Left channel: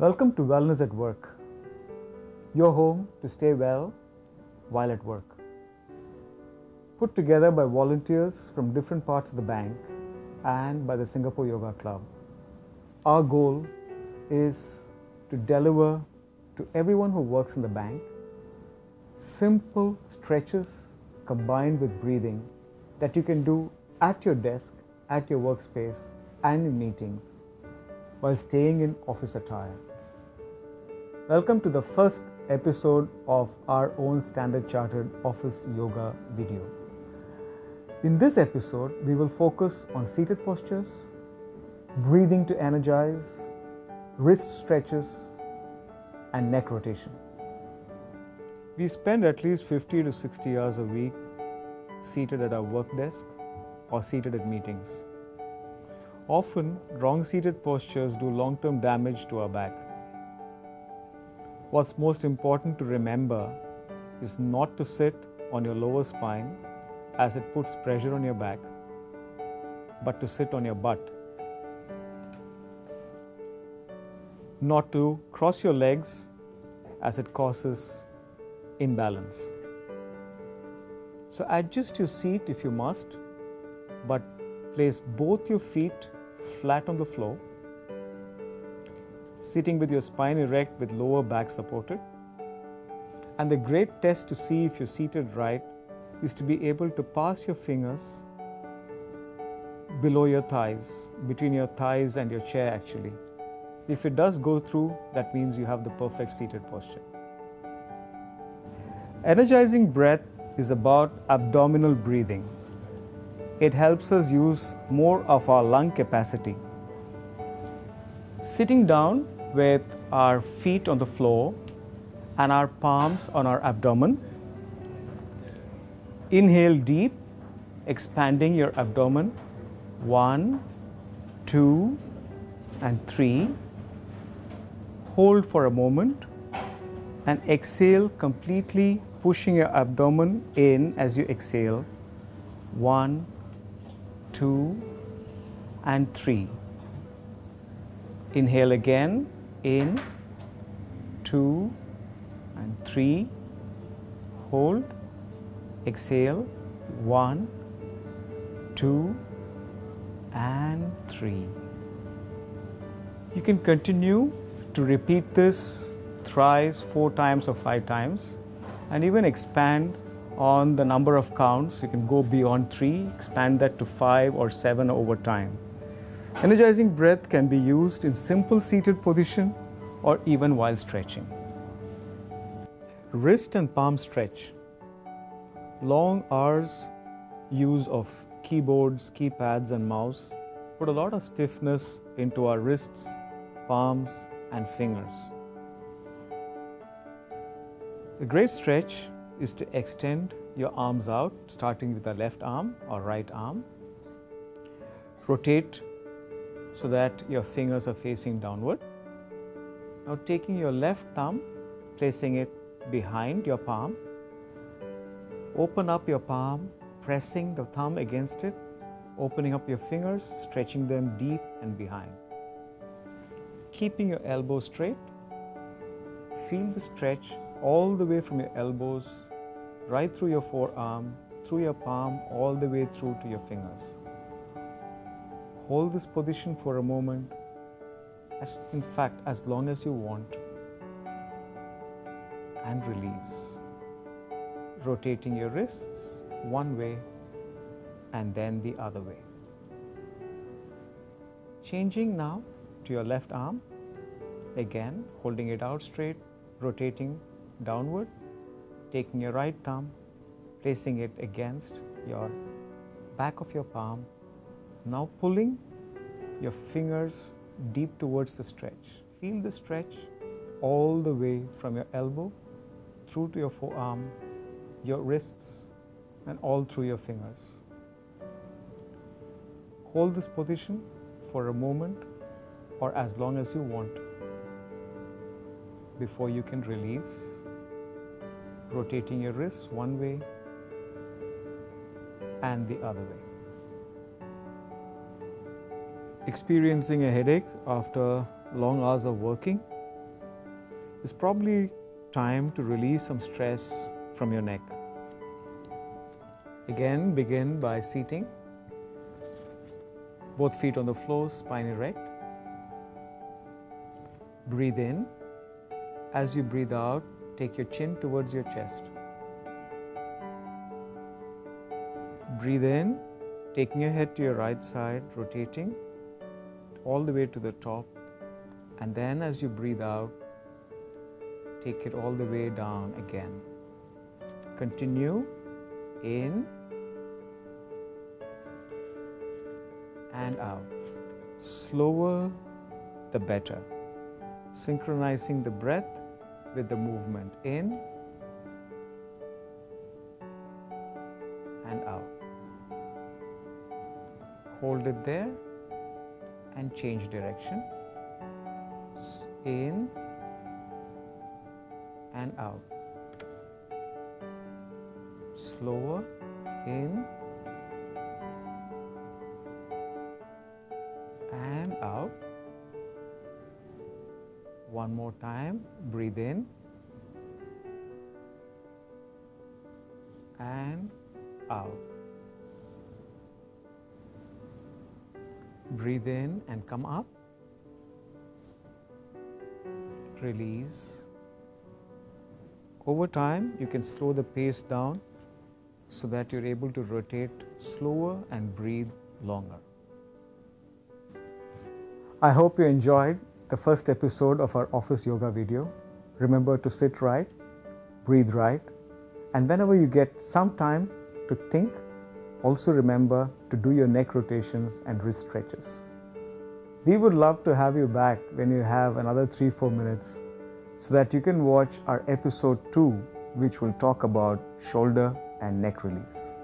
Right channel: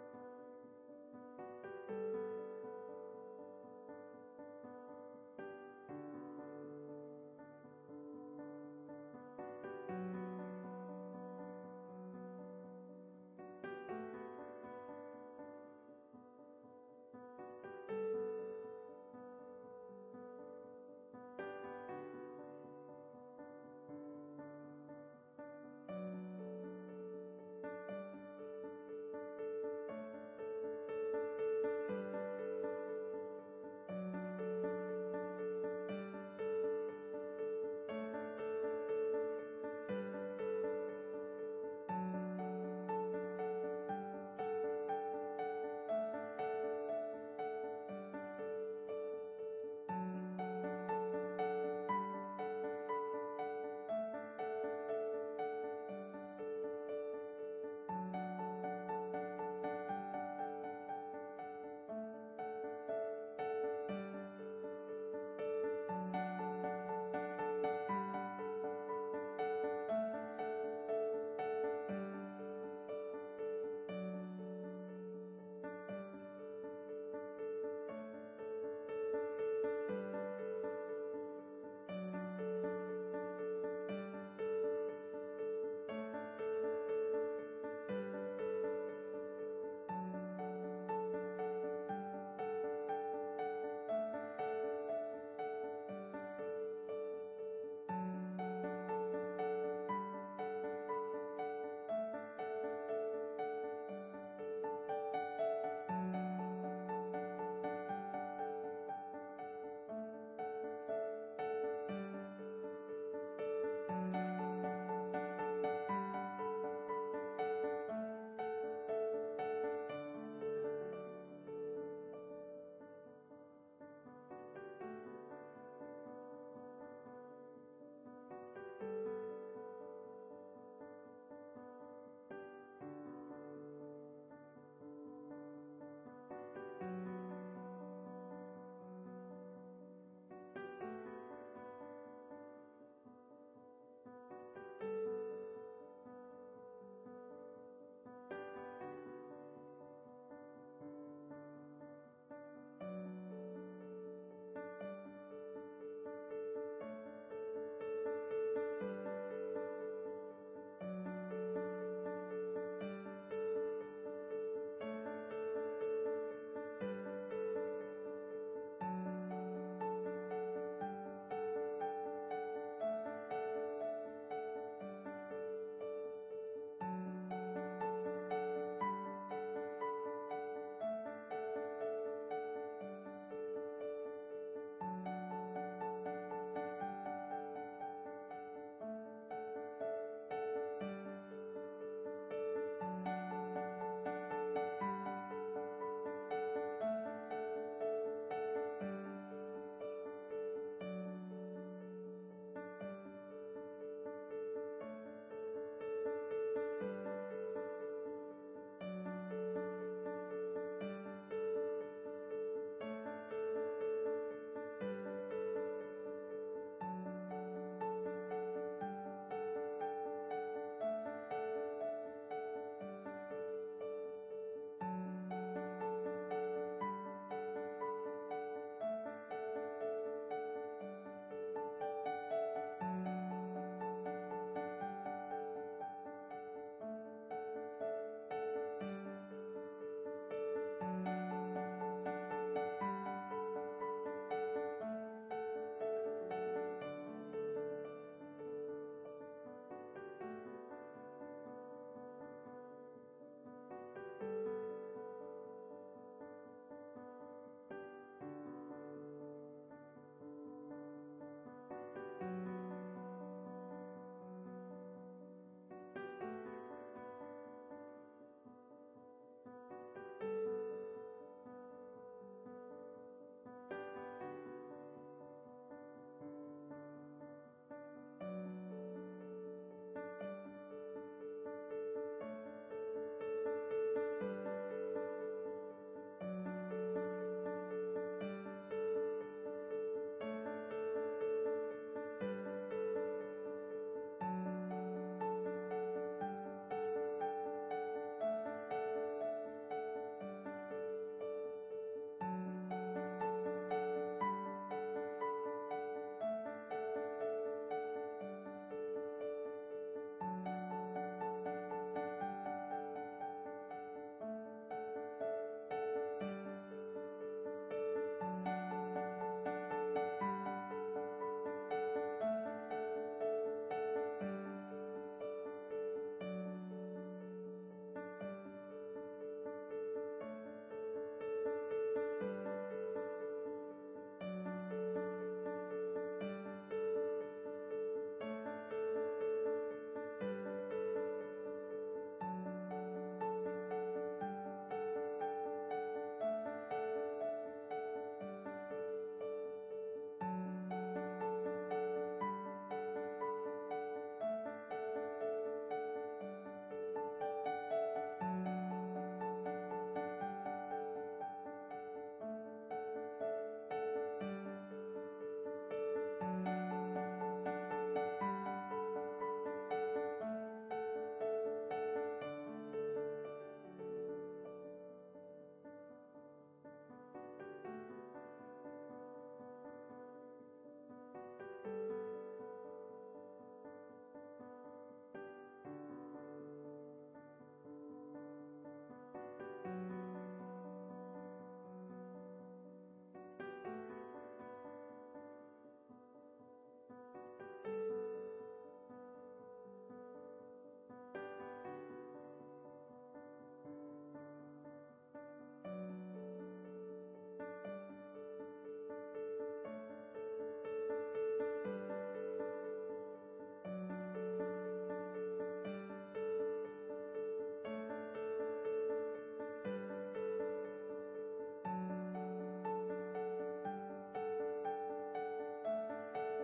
Welcome to Wellness at Work, your home to stay well while at work. Put together by volunteers from different parts of the bank and by the Singapore Yoga Club. Our goal is to deliver to everyone who works in the bank simple stretches combined with breathing that you can do at your desk, at your workspace, and in meetings while staying in office attire. Welcome to the first episode of our own Standard Chartered Office Yoga video. In this episode, we will focus on seated postures, breathing to energize, wrist stretches, and neck rotation. We spend at least 50 to 60 hours a week seated at our work desk or seated at meetings. Often, wrong seated postures do long-term damage to our back. What's most important to remember is not to sit on your lower spine as it puts pressure on your back, but to sit on your butt. Not to cross your legs as it causes imbalance. So adjust your seat if you must, but place both your feet flat on the floor, sitting with your spine erect with lower back supported. And the great test to see if you're seated right is to be able to pass your fingers below your thighs, between your thighs and your chair actually. If it does go through, that means you have the perfect seated posture. Energizing breath is about abdominal breathing. It helps us use more of our lung capacity. Sitting down with our feet on the floor and our palms on our abdomen. Inhale deep, expanding your abdomen. 1, 2, and 3. Hold for a moment and exhale completely, pushing your abdomen in as you exhale. 1, 2, and 3. Inhale again, in, 2, and 3. Hold, exhale, 1, 2, and 3. You can continue to repeat this thrice, 4 times or 5 times, and even expand on the number of counts. You can go beyond 3, expand that to 5 or 7 over time. Energizing breath can be used in simple seated position or even while stretching. Wrist and palm stretch. Long hours use of keyboards, keypads and mouse put a lot of stiffness into our wrists, palms and fingers. The great stretch is to extend your arms out, starting with the left arm or right arm. Rotate so that your fingers are facing downward. Now taking your left thumb, placing it behind your palm. Open up your palm, pressing the thumb against it, opening up your fingers, stretching them deep and behind. Keeping your elbows straight. Feel the stretch all the way from your elbows, right through your forearm, through your palm, all the way through to your fingers. Hold this position for a moment, in fact, as long as you want, and release. Rotating your wrists one way and then the other way. Changing now to your left arm, again holding it out straight, rotating downward, taking your right thumb, placing it against your back of your palm. Now pulling your fingers deep towards the stretch. Feel the stretch all the way from your elbow through to your forearm, your wrists, and all through your fingers. Hold this position for a moment or as long as you want before you can release, rotating your wrists one way and the other way. Experiencing a headache after long hours of working, it's probably time to release some stress from your neck. Again, begin by seating. Both feet on the floor, spine erect. Breathe in. As you breathe out, take your chin towards your chest. Breathe in, taking your head to your right side, rotating all the way to the top. And then as you breathe out, take it all the way down again. Continue in and out. Slower the better. Synchronizing the breath with the movement in and out. Hold it there and change direction. In and out. Slower in and out. One more time. Breathe in and out. Breathe in and come up. Release. Over time, you can slow the pace down so that you're able to rotate slower and breathe longer. I hope you enjoyed the first episode of our office yoga video. Remember to sit right, breathe right, and whenever you get some time to think, also remember to do your neck rotations and wrist stretches. We would love to have you back when you have another 3-4 minutes so that you can watch our episode 2, which will talk about shoulder and neck release.